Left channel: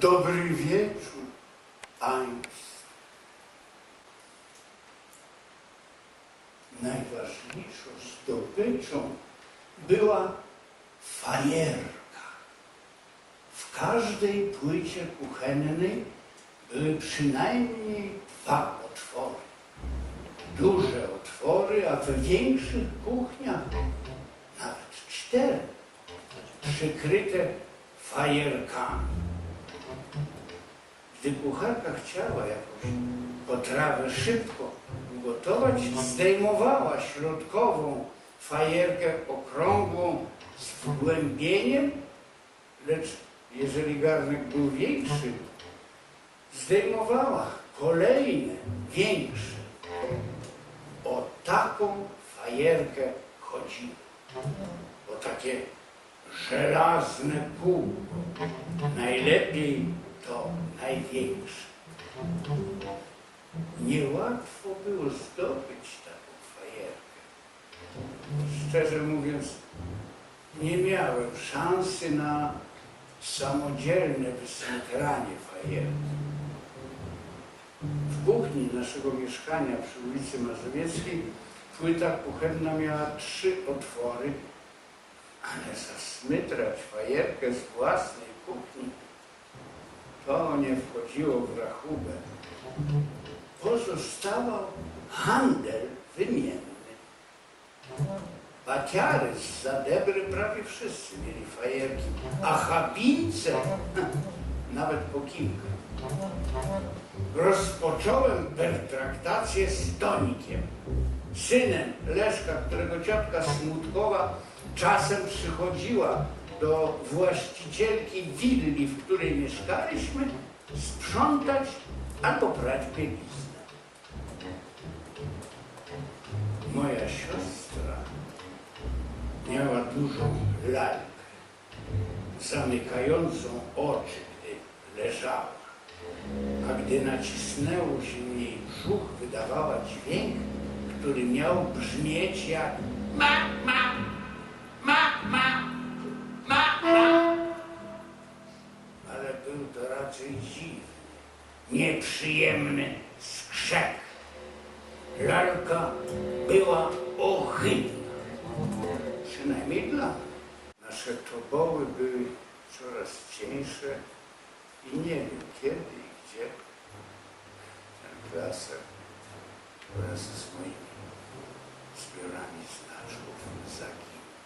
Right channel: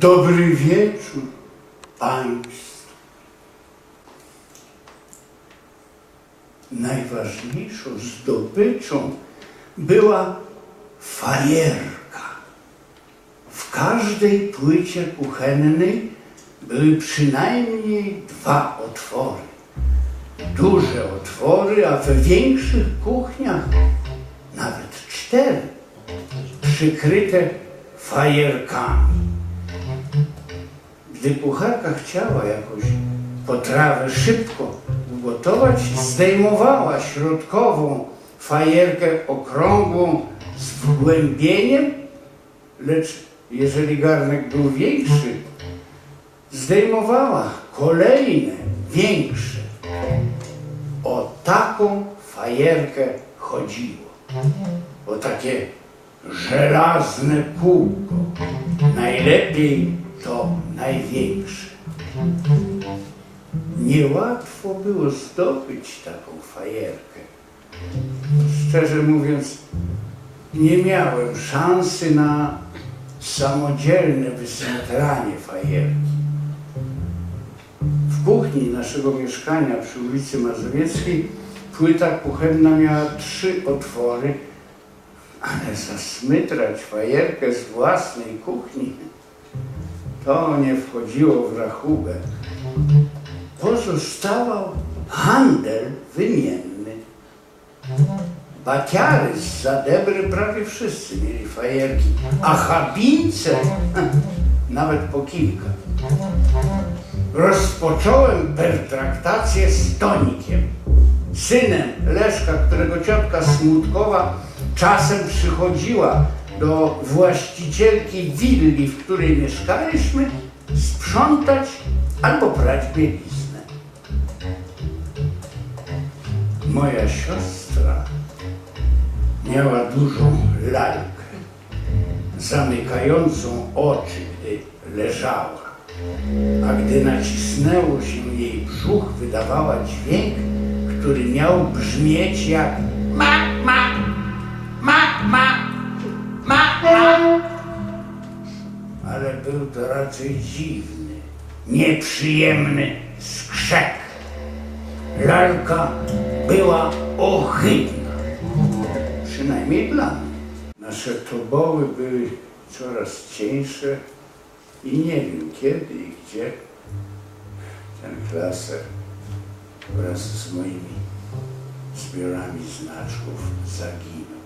Dobry wieczór Państwu. Najważniejszą zdobyczą była fajerka. W każdej płycie kuchennej były przynajmniej dwa otwory. Duże otwory, a we większych kuchniach nawet cztery, przykryte fajerkami. Gdy kucharka chciała jakąś potrawę szybko ugotować, zdejmowała środkową fajerkę okrągłą z wgłębieniem, lecz jeżeli garnek był większy, zdejmowała kolejne, większe. O taką fajerkę chodziło. O takie żelazne kółko. Najlepiej to największe. Niełatwo było zdobyć taką fajerkę. Szczerze mówiąc, nie miałem szansy na samodzielne wysętranie fajerki. W kuchni naszego mieszkania przy ulicy Mazowieckiej płyta kuchenna miała trzy otwory, ale zasmytrać fajerkę z własnej kuchni to nie wchodziło w rachubę. Pozostawał handel wymienny. Baciary z Zadebry prawie wszyscy mieli fajerki, a chabince nawet po kilka. Rozpocząłem pertraktację z Tonikiem, synem Leszka, którego ciotka Smutkowa czasem przychodziła do właścicielki willi, w której mieszkaliśmy, sprzątać albo prać bieliznę. Moja siostra miała dużą lalkę, zamykającą oczy, gdy leżała. A gdy nacisnęło się jej brzuch, wydawała dźwięk, który miał brzmieć jak ma, był to raczej dziwny, nieprzyjemny skrzek. Lalka była ohydna, przynajmniej dla mnie. Nasze toboły były coraz cieńsze i nie wiem kiedy i gdzie ten klaser wraz z moimi zbiorami znaczków zaginął.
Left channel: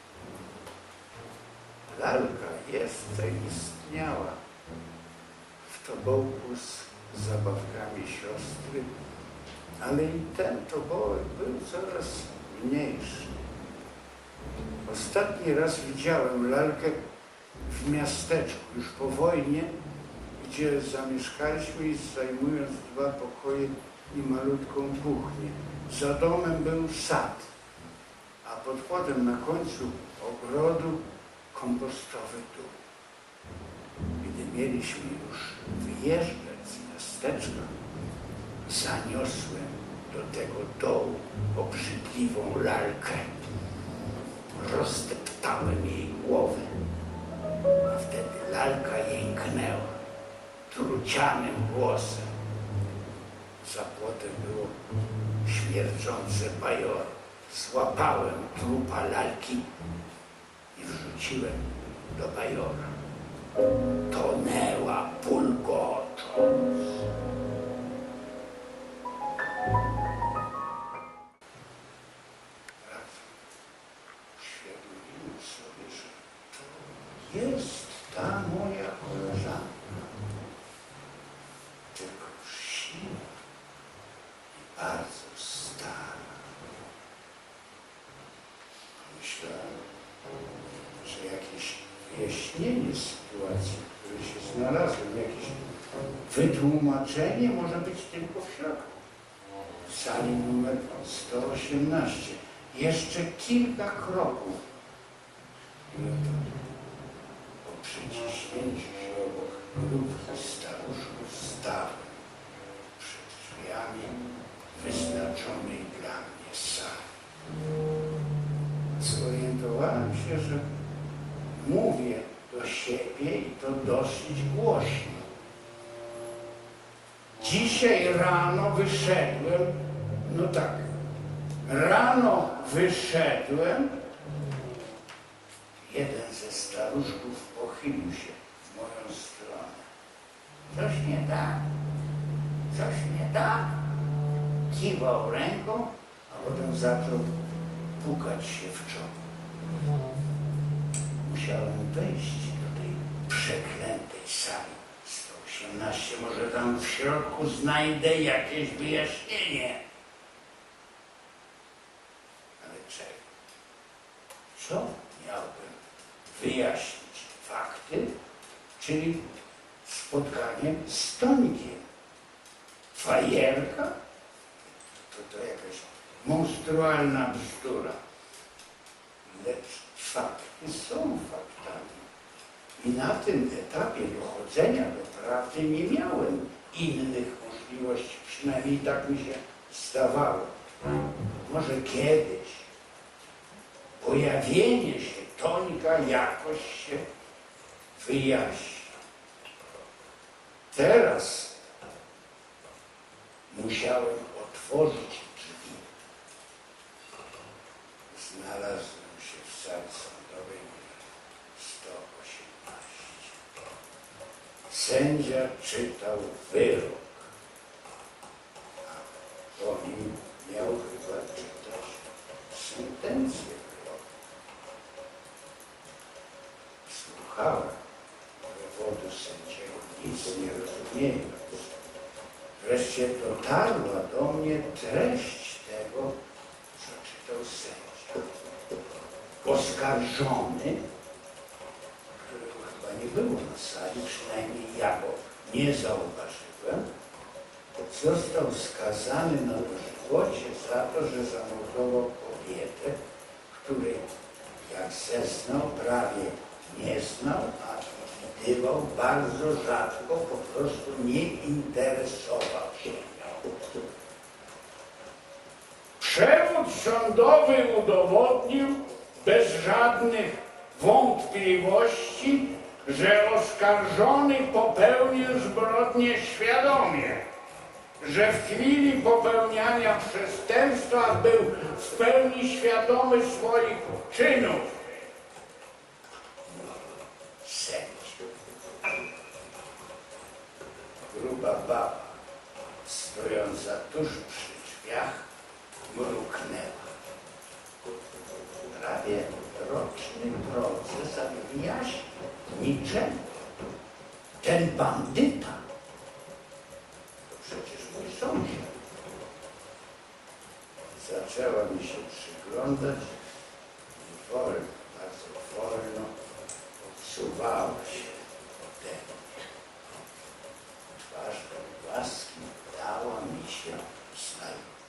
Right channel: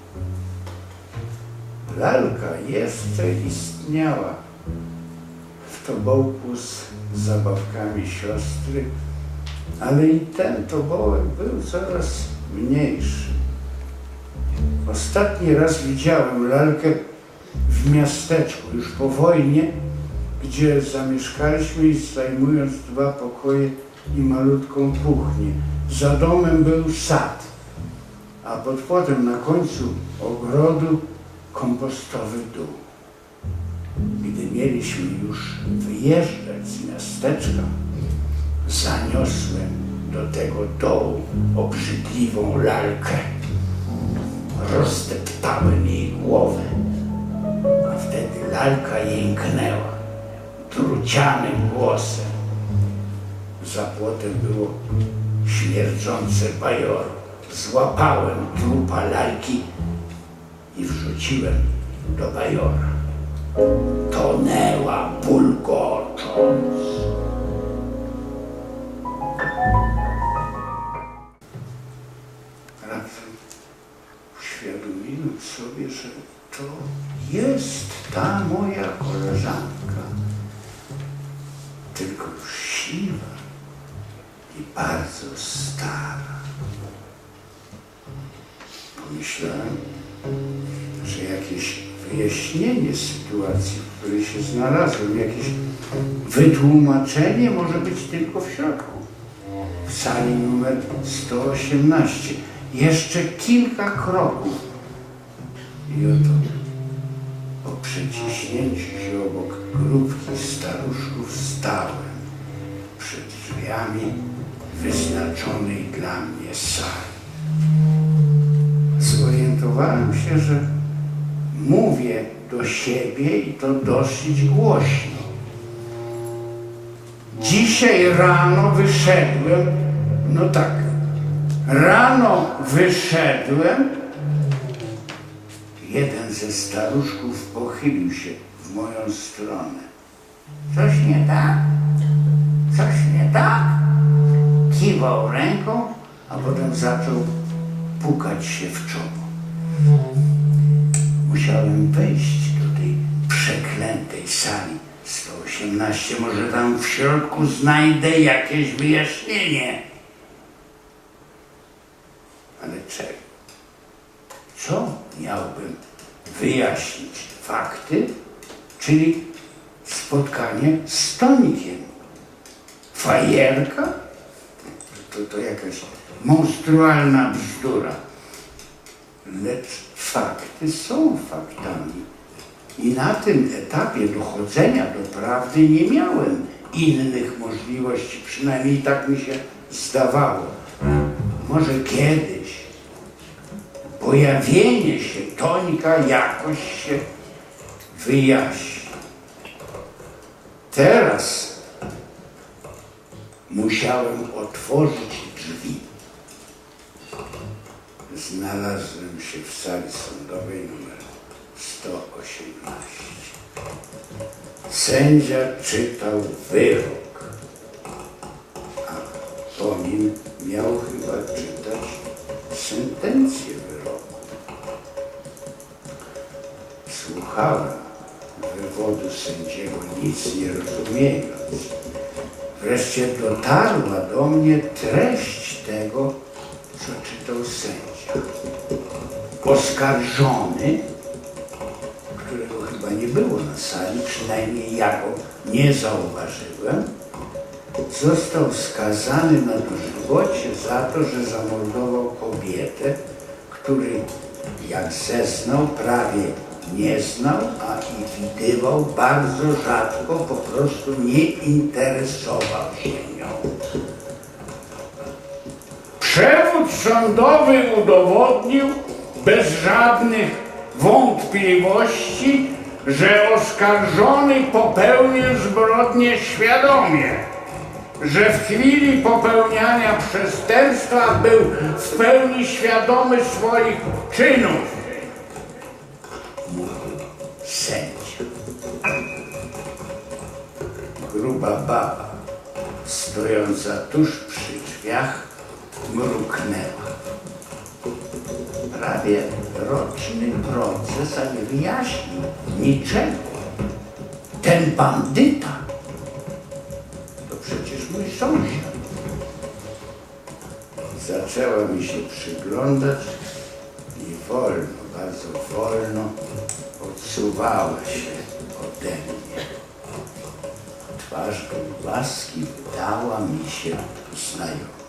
Lalka jeszcze istniała w tobołku z zabawkami siostry, ale i ten tobołek był coraz mniejszy. Ostatni raz widziałem lalkę w miasteczku, już po wojnie, gdzie zamieszkaliśmy i zajmując dwa pokoje i malutką kuchnię. Za domem był sad, a pod płotem na końcu ogrodu kompostowy dół. Gdy mieliśmy już wyjeżdżać z miasteczka, zaniosłem do tego dołu obrzydliwą lalkę. Rozdeptałem jej głowę, a wtedy lalka jęknęła trucianym głosem. Za płotem było śmierdzące bajoro. Złapałem trupa lalki i wrzuciłem do bajora. Tonęła bulgocząc. Raptem uświadomiłem sobie, że to jest ta moja koleżanka. Tylko już i bardzo stara. Pomyślałem, że jakieś wyjaśnienie sytuacji, w której się znalazłem, jakieś wytłumaczenie może być tylko w środku. W sali numer 118. Jeszcze kilka kroków I oto po przeciśnięciu się obok grupki staruszków stałem przed drzwiami wyznaczonej dla mnie sali. Zorientowałem się, że mówię do siebie i to dosyć głośno. Dzisiaj rano wyszedłem, no tak, rano wyszedłem, jeden ze staruszków pochylił się w moją stronę. Coś nie tak? Coś nie tak? Kiwał ręką, a potem zaczął pukać się w czoło. Musiałem wejść do tej przeklętej sali 118. Może tam w środku znajdę jakieś wyjaśnienie. Ale czego? Co miałbym wyjaśnić? Fakty, czyli spotkanie z Tonikiem. Fajerka? To, to jakaś monstrualna bzdura. Lecz fakty są faktami. I na tym etapie dochodzenia do prawdy nie miałem innych możliwości, przynajmniej tak mi się zdawało. Może kiedyś pojawienie się Tonika jakoś się wyjaśni. Teraz musiałem otworzyć drzwi. Znalazłem się w sali sądowej numer 118. Sędzia czytał wyrok, a po nim miał chyba czytać sentencję wyroku. Słuchałem wywodu sędziego, nic nie rozumiejąc. Wreszcie dotarła do mnie treść tego, co czytał sędzia. Oskarżony, którego chyba nie było na sali, przynajmniej ja go nie zauważyłem, został skazany na dożywocie za to, że zamordował kobietę, której, jak zeznał, prawie nie znał, a i widywał bardzo rzadko, po prostu nie interesował się nią. Przewód sądowy udowodnił bez żadnych wątpliwości, że oskarżony popełnił zbrodnię świadomie, że w chwili popełniania przestępstwa był w pełni świadomy swoich czynów. Sędzia. Gruba baba, stojąca tuż przy drzwiach, mruknęła. Prawie roczny proces, a nie wyjaśnił niczego. Ten bandyta to przecież mój sąsiad. Zaczęła mi się przyglądać i wolno, bardzo wolno odsuwała się ode mnie. Twarz łaski wydała mi się znajoma.